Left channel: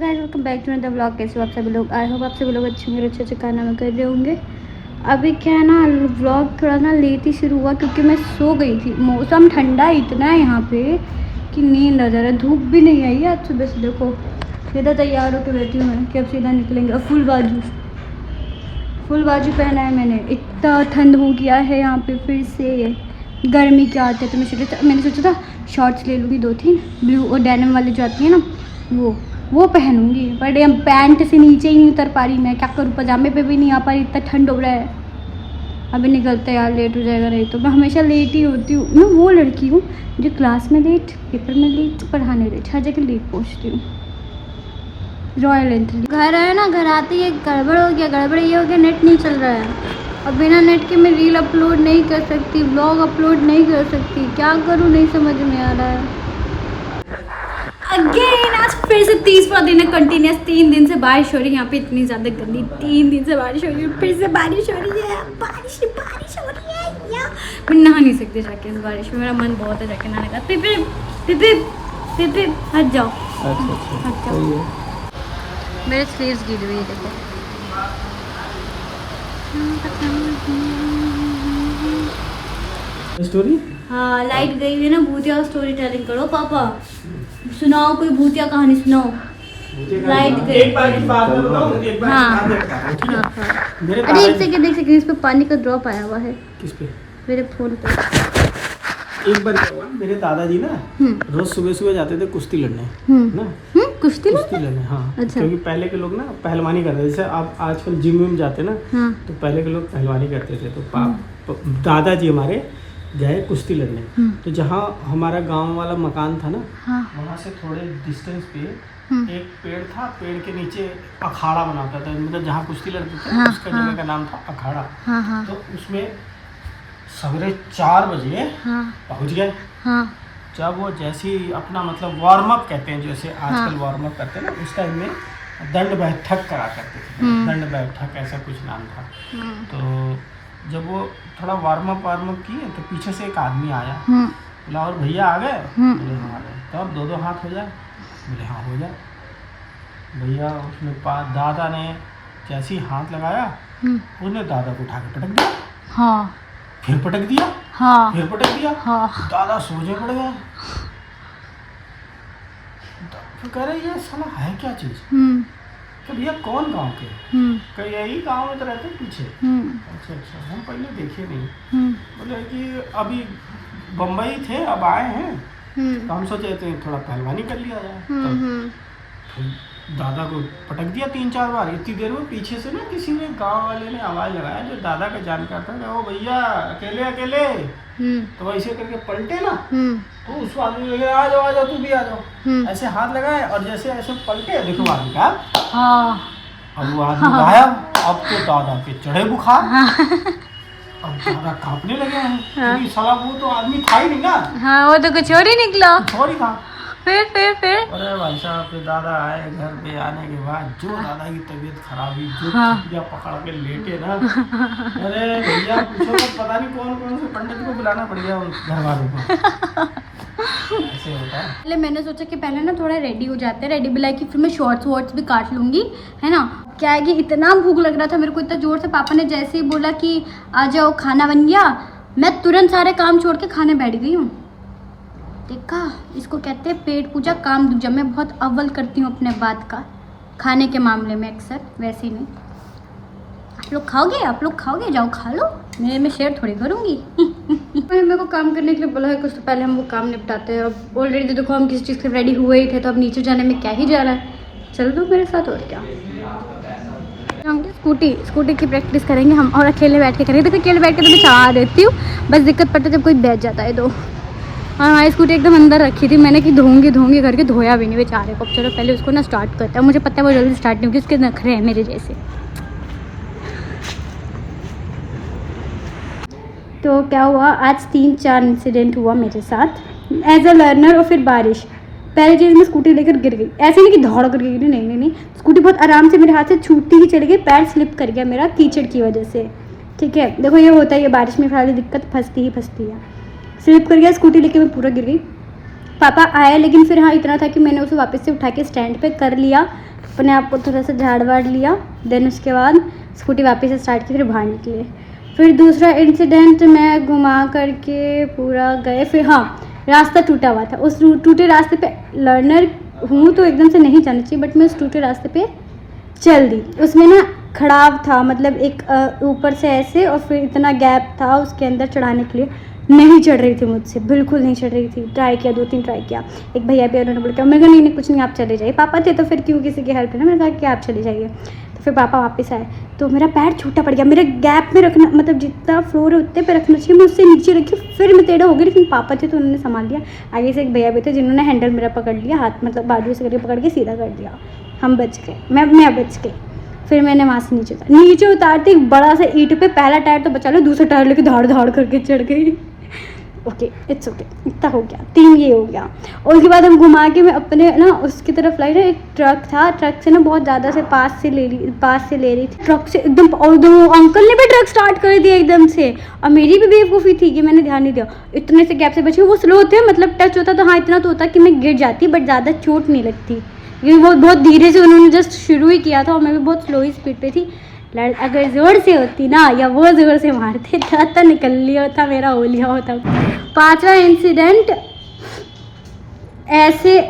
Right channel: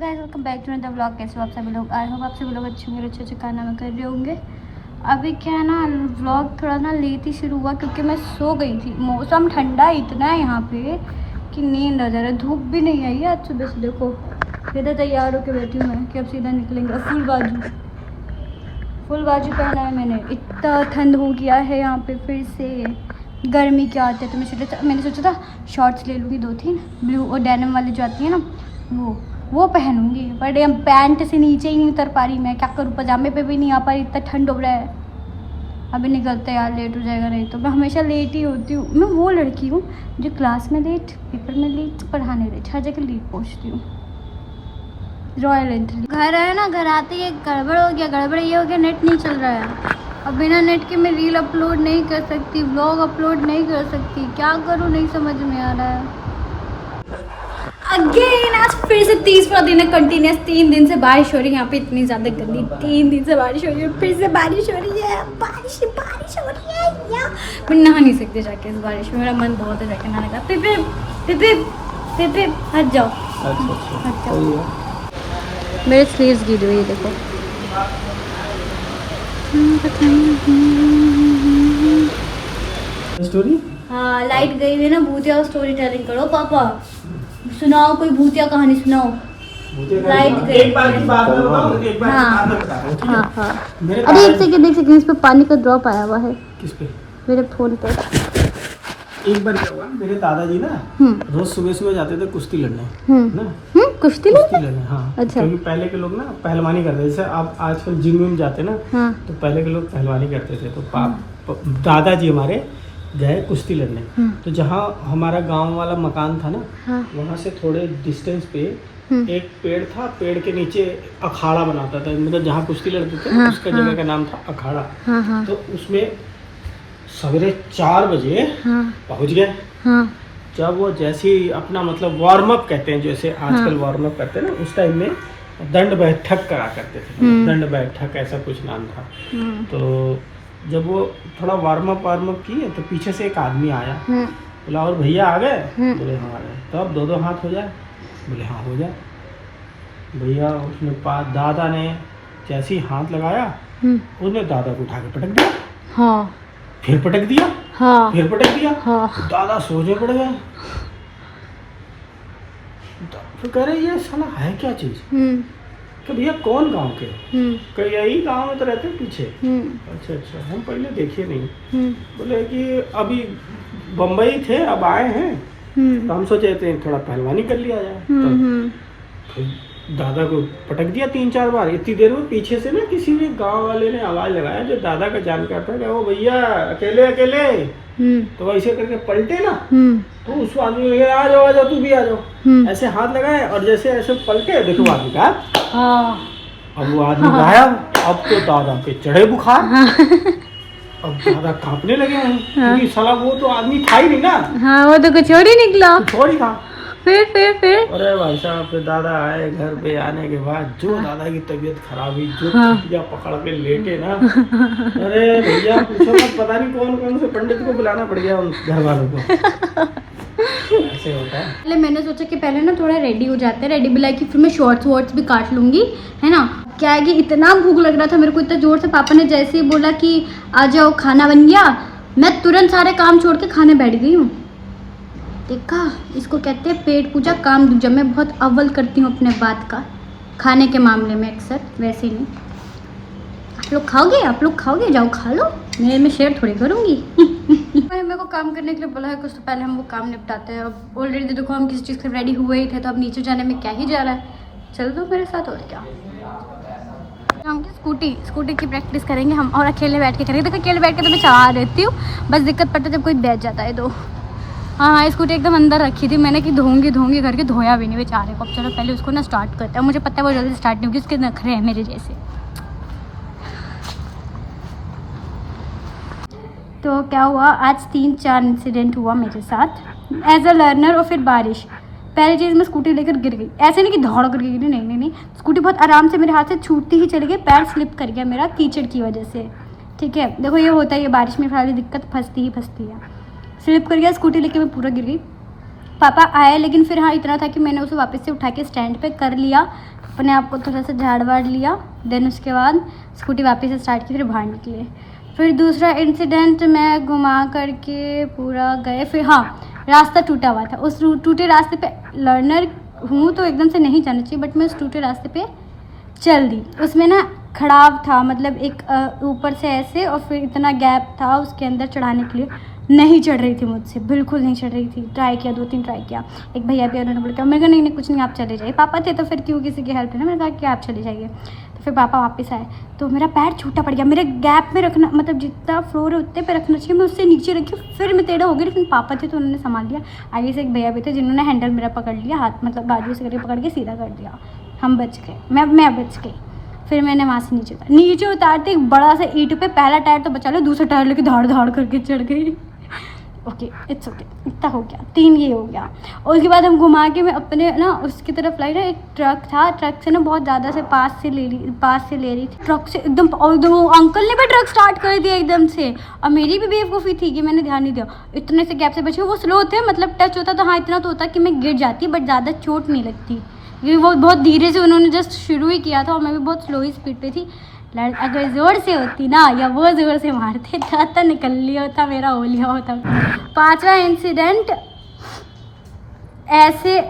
Welcome back to the vlog. कैसे हो आप सभी लोग? आई होप आप सभी लोग अच्छे होंगे, अच्छे खाना में कर रहे होंगे। अभी क्या है ना, व्लॉग थोड़ा ना लेट ही शुरू हुआ क्योंकि मैं सो गई थी। मौसम ठंडा इतना है यहाँ पे कि नींद आ जा रहा है। धूप भी नहीं आई है आज सुबह से। देखो सीधा तैयार होकर बैठी हूँ मैं कि अब सीधा निकलेंगे। और फुल बाजू पहना है मैंने। इतना ठंड हो गया है यहाँ पे फिर से। गर्मी क्या आती है तो मैंने सोचा था शॉर्ट्स ले लूँगी 2-3 ब्लू और डेनिम वाले जो आती है ना वो पहनूंगी। बट ये पैंट से नीचे ही नहीं उतर पा रही मैं। क्या करूँ, पजामे पे भी नहीं आ पा रही, इतना ठंड हो रहा है। अभी निकलते यार, लेट हो जाएगा। नहीं तो मैं हमेशा लेट ही होती हूँ। मैं वो लड़की हूँ जो क्लास में लेट, पेपर में लेट, पढ़ाने लेट, हर जगह लेट पहुँचती हूँ। रॉयल एंट्री घर आया ना, घर आते ही गड़बड़ हो गया। गड़बड़ ये हो गया, नेट नहीं चल रहा है और बिना नेट के मैं रील अपलोड नहीं कर सकती, व्लॉग अपलोड नहीं कर सकती। क्या करूँ नहीं समझ में आ रहा है। अगेन आज फिर से 30वां दिन है कंटिन्यूस। 3 दिन से बारिश हो रही है यहाँ पे, इतनी ज़्यादा गंदी। 3 दिन से बारिश हो रही है, फिर से बारिश हो रही है। बारिश हो रही है यार। मैं नहा नहीं सकती जाके इस बारिश में। मेरा मन बहुत है जाके नहाने का। पिप हट जाओ, हट जाओ। मेरे स्लीव्स गीली हुई है, देखो। स्टोरी? हाँ, लाइट गई हुई है ना। भूतिया स्टोरी टेलिंग करो पापा। सुनाओ कोई भूतिया कहानी सुनाओ। लाइट गई। एक बार की बात बताओ, एक बार हाँ की बात बताओ। हाँ। अरे एक सेकंड, इस पे पानी का ड्रॉप आया हुआ है। किस पे? मेरे फोन पर। एक बार क्या हुआ, मेरे दादाजी ना रोज सुबह सुबह जाते थे कुश्ती लड़ने ना। कुश्ती लड़ने, हाँ। अच्छा। क्योंकि पहले के लोग ना पहलवानी करते थे। जैसे आप आजकल जिम विम जाते ना, हाँ। तो पहले के लोग पहलवानी करते थे। तो दादाजी हमारे गए कुश्ती लड़ने। तो जहाँ हमारा गांव वाला मकान था ना, हाँ। वहाँ से थोड़े डिस्टेंस पे एक पेड़ था। पेड़ के नीचे अखाड़ा बनाता था, मतलब जहाँ कुश्ती लड़ते थे। हाँ, उसका जगह का नाम था अखाड़ा। हाँ हाँ तो उसमें सवेरे 4 बजे पहुँच गए। हाँ। जब वो जैसे ही अपना मतलब वार्म अप कहते हैं, जैसे आजकल वार्म अप करते हैं ना, उस टाइम में दंड बैठक करा करते थे। दंड बैठक ऐसा कुछ नाम था। तो जब वो थोड़ा वार्म अप किए तो पीछे से एक आदमी आया। बोला और भैया आ गए? बोले हाँ आ गए। तो अब 2-2 हाथ हो जाए? बोले हाँ हो जाए। भैया उसने दादा ने जैसे ही हाथ लगाया, उसने दादा को उठा के पटक दिया। हाँ। फिर पटक दिया। हाँ। फिर पटक दिया। हाँ। दादा सोचे पड़ गया। तो कह रहे ये साला है क्या चीज? कि भैया कौन गांव के? कि यही गांव में तो रहते हैं पीछे। अच्छा, हम पहले देखे नहीं। बोले कि अभी बम्बई थे, अब आए हैं, तो हम सोचे थे थोड़ा पहलवानी कर लिया जाए। तो दादा को पटक दिया 3-4 बार। इतनी देर में पीछे से ना किसी भी गांव वाले ने आवाज लगाया जो दादा का जानकार था, वो भैया अकेले तो वैसे करके पलटे ना, तो उस आदमी आ जाओ तू भी आ जाओ, ऐसे हाथ लगाए और जैसे ऐसे पलटे। देखो आदमी का, अब वो आदमी गायब। अब तो दादा पे चढ़े बुखार। अब दादा कांपने लगे हैं क्योंकि साला वो तो आदमी था ही नहीं ना। हाँ, वो तो कुछ और ही निकला। थोड़ी था। फिर अरे भाई साहब, फिर दादा आए। घर पे आने के बाद जो दादा की तबीयत खराब हुई, जो खटिया पकड़ के लेटे ना, अरे भैया पूछो मत, पता नहीं कौन से पंडित को बुलाना पड़ गया उन घर वालों को। ऐसे होता है। पहले मैंने सोचा कि पहले ना थोड़ा रेडी हो जाते हैं। रेडी भी लाइक फिर मैं शॉर्ट्स भी काट लूँगी, है ना। क्या है कि इतना भूख लग रहा था मेरे को, इतना ज़ोर से। पापा ने जैसे ही बोला कि आ जाओ खाना बन गया, मैं तुरंत सारे काम छोड़ के खाने बैठ गई हूँ। देखा, इसको कहते हैं पेट पूजा काम दूजा। मैं बहुत अव्वल करती हूँ अपने बात का, खाने के मामले में अक्सर। वैसे ही नहीं। आप लोग खाओगे जाओ खा लो, मैं शेयर थोड़ी करूँगी। मेरे को काम करने के लिए बोला है कुछ, तो पहले हम वो काम निपटाते हैं। अब ऑलरेडी देखो हम किसी चीज़ से रेडी हुए ही थे, तो अब नीचे जाने में क्या ही जा रहा है। चल दो मेरे साथ, और क्या। स्कूटी की प्रैक्टिस करेंगे हम, और अकेले बैठ के करेंगे। देखो अकेले बैठ के तो मैं चाह रहती हूँ, बस दिक्कत पड़ता है जब कोई बैठ जाता है तो। हाँ, स्कूटी एकदम अंदर रखी थी मैंने कि धोऊंगी करके, धोया भी नहीं बेचारे को। चलो पहले उसको ना स्टार्ट करते हैं। मुझे पता है वो जल्दी स्टार्ट नहीं होगी, उसके नखरे हैं मेरे जैसे। तो क्या हुआ, आज 3-4 इंसिडेंट हुआ मेरे साथ एज अ लर्नर। और फिर बारिश। पहली चीज़, मैं स्कूटी लेकर गिर गई। ऐसे नहीं कि दौड़ कर गिरी, नहीं। स्कूटी बहुत आराम से मेरे हाथ से छूटती ही चली गई। पैर स्लिप कर गया मेरा कीचड़ की वजह से। ठीक है, देखो ये होता है, ये बारिश में फिलहाल दिक्कत फंसती है। स्लिप कर गया, स्कूटी लेके मैं पूरा गिर गई। पापा आए, लेकिन फिर हाँ इतना था कि मैंने उसे वापस से उठा के स्टैंड पे कर लिया। अपने आप को थोड़ा सा झाड़ वाड़ लिया, देन उसके बाद स्कूटी वापस से स्टार्ट की, फिर बाहर निकले। फिर दूसरा इंसिडेंट, मैं घुमा करके पूरा गए, फिर हाँ रास्ता टूटा हुआ था, उस टूटे रास्ते पे लर्नर हूँ तो एकदम से नहीं जाना चाहिए, बट मैं उस टूटे रास्ते पे चल दी। उसमें ना खड़ाव था, मतलब एक ऊपर से ऐसे और फिर इतना गैप था उसके अंदर चढ़ाने के लिए। नहीं चढ़ रही थी मुझसे, बिल्कुल नहीं चढ़ रही थी। ट्राई किया, 2-3 ट्राई किया। एक भैया भी उन्होंने बोला, मैं कहा नहीं कुछ नहीं, आप चले जाइए। पापा थे तो फिर क्यों किसी की हेल्प लेना, मैंने कहा कि आप चले जाइए। तो फिर पापा वापस आए तो मेरा पैर छूटा पड़ गया। मेरे गैप में रखना, मतलब जितना फ्लोर है उतने पे रखना चाहिए, मैं उससे नीचे रखी, फिर मैं टेढ़ा हो गई। लेकिन पापा थे तो उन्होंने संभाल लिया। आगे से एक भैया भी थे जिन्होंने हैंडल मेरा पकड़ लिया, हाथ मतलब बाजू से करके पकड़ के सीधा कर दिया। हम बच गए, मैं बच गई। फिर मैंने वहाँ से नीचे उतारते एक बड़ा सा ईंट पे पहला टायर तो बचा लो, दूसरा टायर लेके धाड़ करके चढ़ गई। ओके, इट्स ओके, इतना हो गया, 3 ये हो गया। और उसके बाद हम घुमा के मैं अपने ना उसकी तरफ लाई ना, एक ट्रक था, ट्रक से ना बहुत ज़्यादा से पास से ले रही थी ट्रक से एकदम, और एकदम अंकल ने भी ट्रक स्टार्ट कर दिया एकदम से। और मेरी भी बेवकूफ़ी थी कि मैंने ध्यान नहीं दिया, इतने से गैप से बचे। वो स्लो थे, मतलब टच होता तो हाँ इतना तो होता कि मैं गिर जाती, बट ज़्यादा चोट नहीं लगती, क्योंकि वो बहुत धीरे से उन्होंने जस्ट शुरू ही किया था और मैं भी बहुत स्लो ही स्पीड पे थी। अगर ज़ोर से होती ना या वो ज़ोर से मारते तो निकल लिया होता, मेरा हो लिया होता। 5वां इंसिडेंट, ऐसे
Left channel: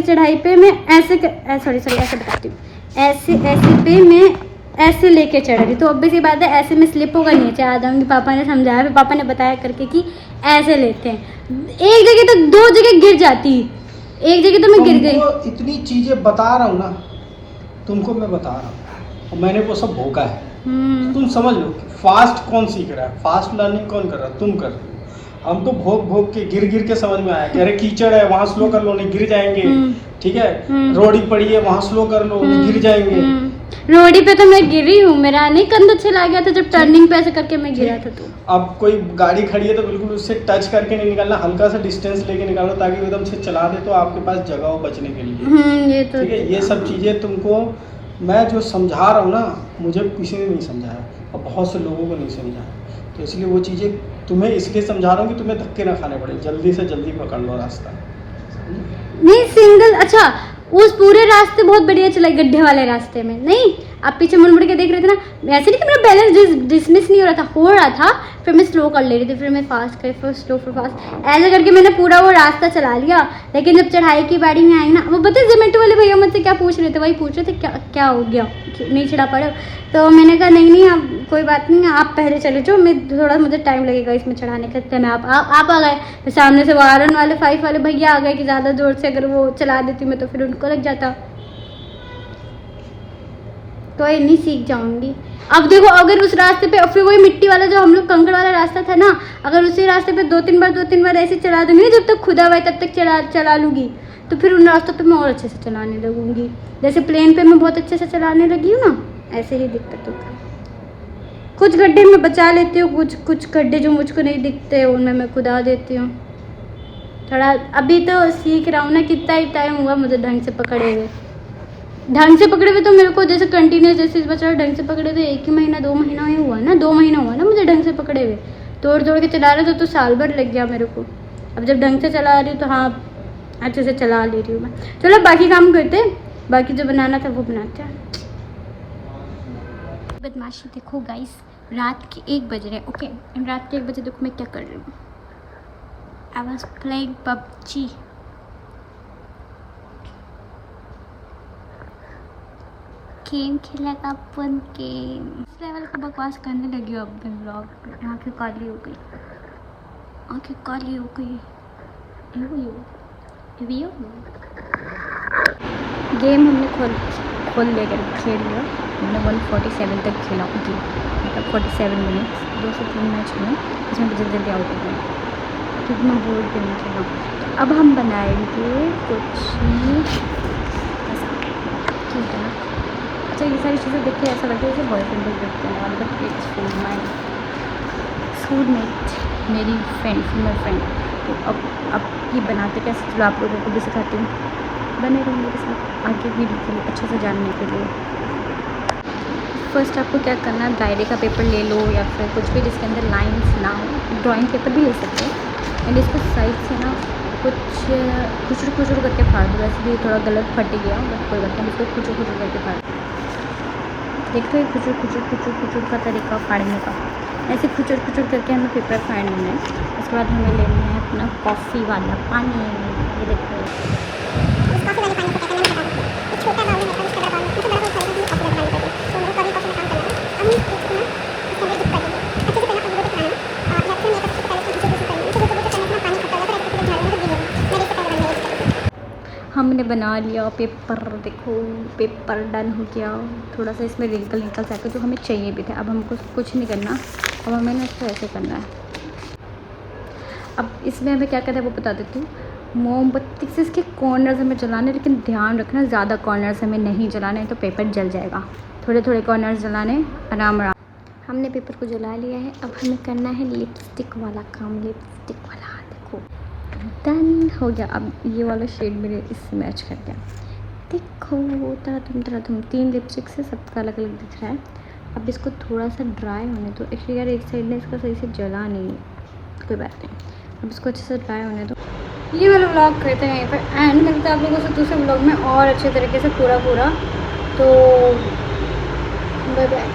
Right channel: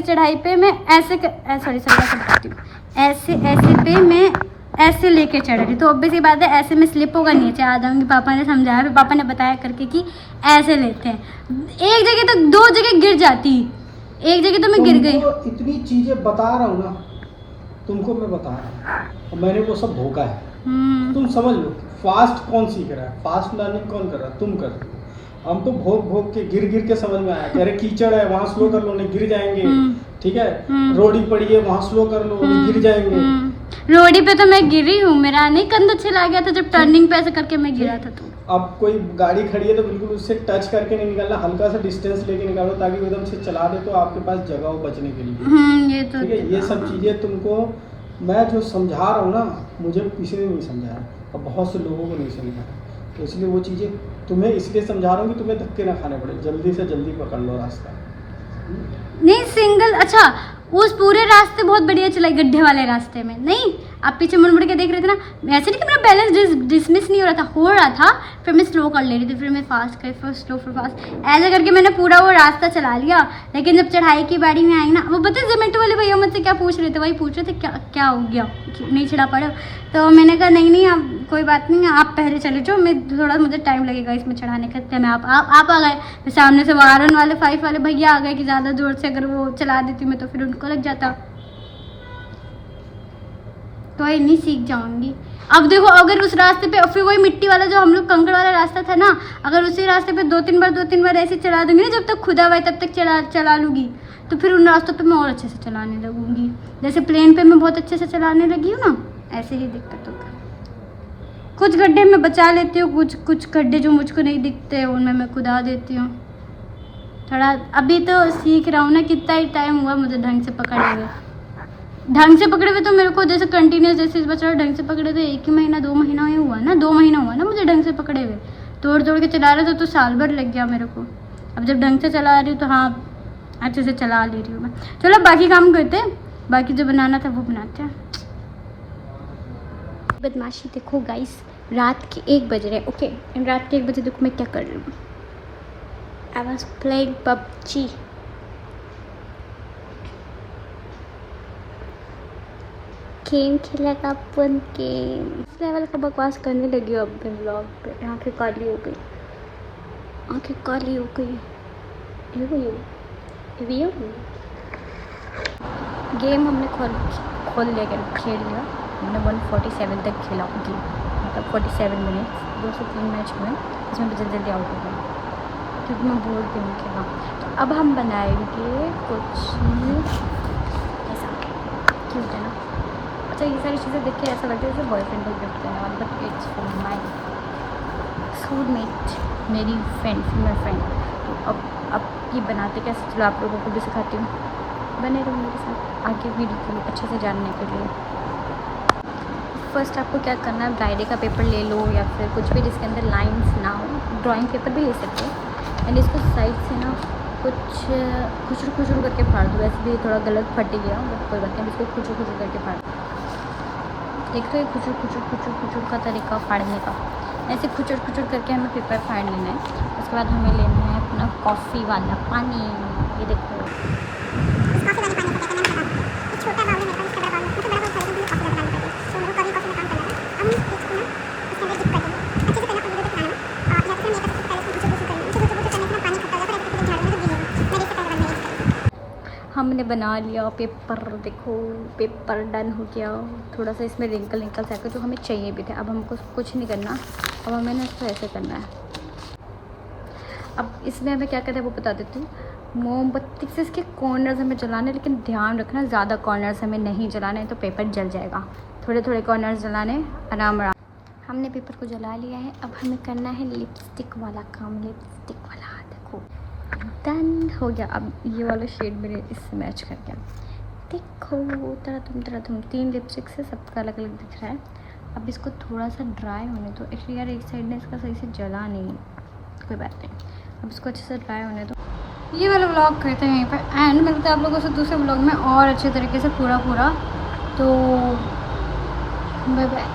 चढ़ाई पे मैं ऐसे बताती हूँ, ऐसे पे मैं ऐसे लेके चढ़ रही, तो ऑब्वियस सी बात है ऐसे में स्लिप होगा, नीचे आ जाऊँगी। पापा ने समझाया, फिर पापा ने बताया करके कि ऐसे लेते हैं। एक जगह तो 2 जगह गिर जाती, एक जगह तो मैं गिर गई। इतनी चीजें बता रहा हूँ ना तुमको, मैं बता रहा हूँ, मैंने वो सब भोगा है। तुम समझ लो कि फास्ट कौन सीख रहा है, फास्ट लर्निंग कौन कर रहा है, तुम कर रहे हो। हमको भोग के गिर के समझ में आया कि अरे कीचड़ है वहाँ स्लो कर लो, नहीं गिर जाएंगे, ठीक है, रोड़ी पड़ी है वहाँ स्लो कर लो, नहीं गिर जाएंगे। रोडी पे तो मैं गिरी हूँ, मेरा नहीं कंधा चला गया था जब टर्निंग पे ऐसे करके मैं गिरा था। तो अब कोई गाड़ी खड़ी है तो बिल्कुल उससे टच करके नहीं निकलना, हल्का सा डिस्टेंस लेके निकालना, ताकि एकदम से चला दे तो आपके पास जगह हो बचने के लिए। ये तो ये सब चीजें तुमको मैं जो समझा रहा हूँ ना, मुझे किसी ने नहीं समझाया और बहुत से लोगों को नहीं समझाया, तो इसलिए वो चीज़ें तुम्हें इसलिए समझा रहा हूँ कि तुम्हें धक्के ना खाने पड़े, जल्दी से जल्दी पकड़ लो रास्ता। नहीं सिंगल, अच्छा उस पूरे रास्ते बहुत बढ़िया चलाई, गड्ढे वाले रास्ते में नहीं। आप पीछे मुड़ के देख रहे थे ना, ऐसे नहीं कि मेरा बैलेंस डिसमिस नहीं हो रहा था। फिर मैं स्लो कर ले रही थी, फिर मैं फास्ट कर, फिर स्लो, फिर फास्ट, ऐसे करके मैंने पूरा वो रास्ता चला लिया। लेकिन जब चढ़ाई की बारी में आई ना, वो पता है जोमेटो वाले भैया मुझसे क्या पूछ रहे थे, वही पूछ रहे थे क्या हो गया, नहीं चढ़ा पड़ा। तो मैंने कहा नहीं आप कोई बात नहीं, आप पहले चले जाओ, मैं थोड़ा मुझे टाइम लगेगा इसमें चढ़ाने का। मैं आप आ गए, फिर सामने से वो आयरन वाले 5 वाले भैया आ गए कि ज़्यादा ज़ोर से अगर वो चला देती मैं तो फिर उनको लग जाता। तो ये नहीं सीख जाऊंगी। अब देखो, अगर उस रास्ते पे फिर वही मिट्टी वाला जो हम लोग कंकड़ वाला रास्ता था ना, अगर उसी रास्ते पे 2-3 बार ऐसे चला दूंगी ना, जब तक खुदा हुआ तब तक चला लूँगी, तो फिर उन रास्तों पे मैं और अच्छे से चलाने लगूंगी। जैसे प्लेन पे मैं बहुत अच्छे से चलाने लगी हूँ ना, ऐसे ही दिक्कत होगा। कुछ गड्ढे में बचा लेती हूँ, कुछ गड्ढे जो मुझको नहीं दिखते उनमें मैं खुदा देती हूँ। थोड़ा अभी तो सीख रहा हूँ ना, कितना ही टाइम हुआ मुझे ढंग से पकड़े हुए तो मेरे को जैसे कंटिन्यूस जैसे इस बच्चा ढंग से पकड़े हुए 1 महीना 2 महीना ही हुआ ना, 2 महीना हुआ ना मुझे ढंग से पकड़े हुए। तोड़ के चला रहा था तो साल भर लग गया मेरे को। अब जब ढंग से चला रही हूँ तो हाँ अच्छे से चला ले रही हूँ मैं। चलो बाकी काम करते, बाकी जो बनाना था वो बनाते हैं। बदमाशी देखो गाइस, रात के 1 बज रहे। ओके, रात के 1 बजे देखो मैं क्या कर रही हूँ। I was playing PUBG। Game खेलेगा अपन, गेम इस लेवल का बकवास करने लगी हूँ अब मैं ब्लॉग पे। आँखें काली हो गई, गेम हमने खोल लिया, खेल लिया। हमने 147 तक खेला, मतलब 47 मिनट्स, 2 से 3 मैच में, इसमें जल्दी आउट हो गए क्योंकि मैं बोर्ड गेम में खेला। तो अब हम बनाएंगे कुछ ऐसा। अच्छा, ये सारी चीज़ें देख के ऐसा लगता है जैसे बॉयफ्रेंड को गिफ्ट देने वाला, but it's for my schoolmate, मेरी फ्रेंड, फीमेल फ्रेंड। तो अब ये बनाते कैसे, चलो आप लोगों को भी सिखाती हूँ। बने रहो मेरे साथ आगे वीडियो के लिए, अच्छे से जानने के लिए। फर्स्ट आपको क्या करना है, डायरी का पेपर ले लो या फिर कुछ भी जिसके अंदर लाइंस ना हो, ड्राइंग पेपर भी ले सकते हो। एंड इसको साइड से ना कुछ खुचर खुचर करके फाड़ दूँ, वैसे भी थोड़ा गलत फट गया, बट कोई बात नहीं, इसको खुचर खुचर करके फाड़। देखते हैं खुचर खुचर खुचर खुचर का तरीका फाड़ने का। ऐसे खुचर खुचर करके हमें पेपर फाड़ लेना है। उसके बाद हमें लेना है अपना कॉफ़ी वाला पानी। ये देखो हमने बना लिया पेपर। देखो पेपर डन हो गया। थोड़ा सा इसमें रिंकल रिंकल सा जो हमें चाहिए भी थे। अब हमको कुछ नहीं करना, अब हमें ना इसको ऐसे करना है। अब इसमें हमें क्या करना है वो बता देती हूँ। मोमबत्ती से इसके कॉर्नर्स हमें जलाने, लेकिन ध्यान रखना ज़्यादा कॉर्नर्स हमें नहीं जलाने, तो पेपर जल जाएगा। थोड़े थोड़े कॉर्नर्स जलाने, आराम आराम। हमने पेपर को जला लिया है। अब हमें करना है लिपस्टिक वाला काम। लिपस्टिक वाला देखो डन हो गया। अब ये वाला शेड मेरे इससे मैच कर गया। देखो तरह तुम 3 लिपस्टिक से सबका अलग अलग दिख रहा है। अब इसको थोड़ा सा ड्राई होने दो। एक्चुअली यार एक साइड ने इसका सही से जला नहीं है, कोई बात नहीं। अब इसको अच्छे से ड्राई होने दो। ये वाला व्लॉग करते हैं यहीं पर एंड। मिलते हैं आप लोगों से दूसरे व्लॉग में और अच्छे तरीके से पूरा। तो बाय बाय।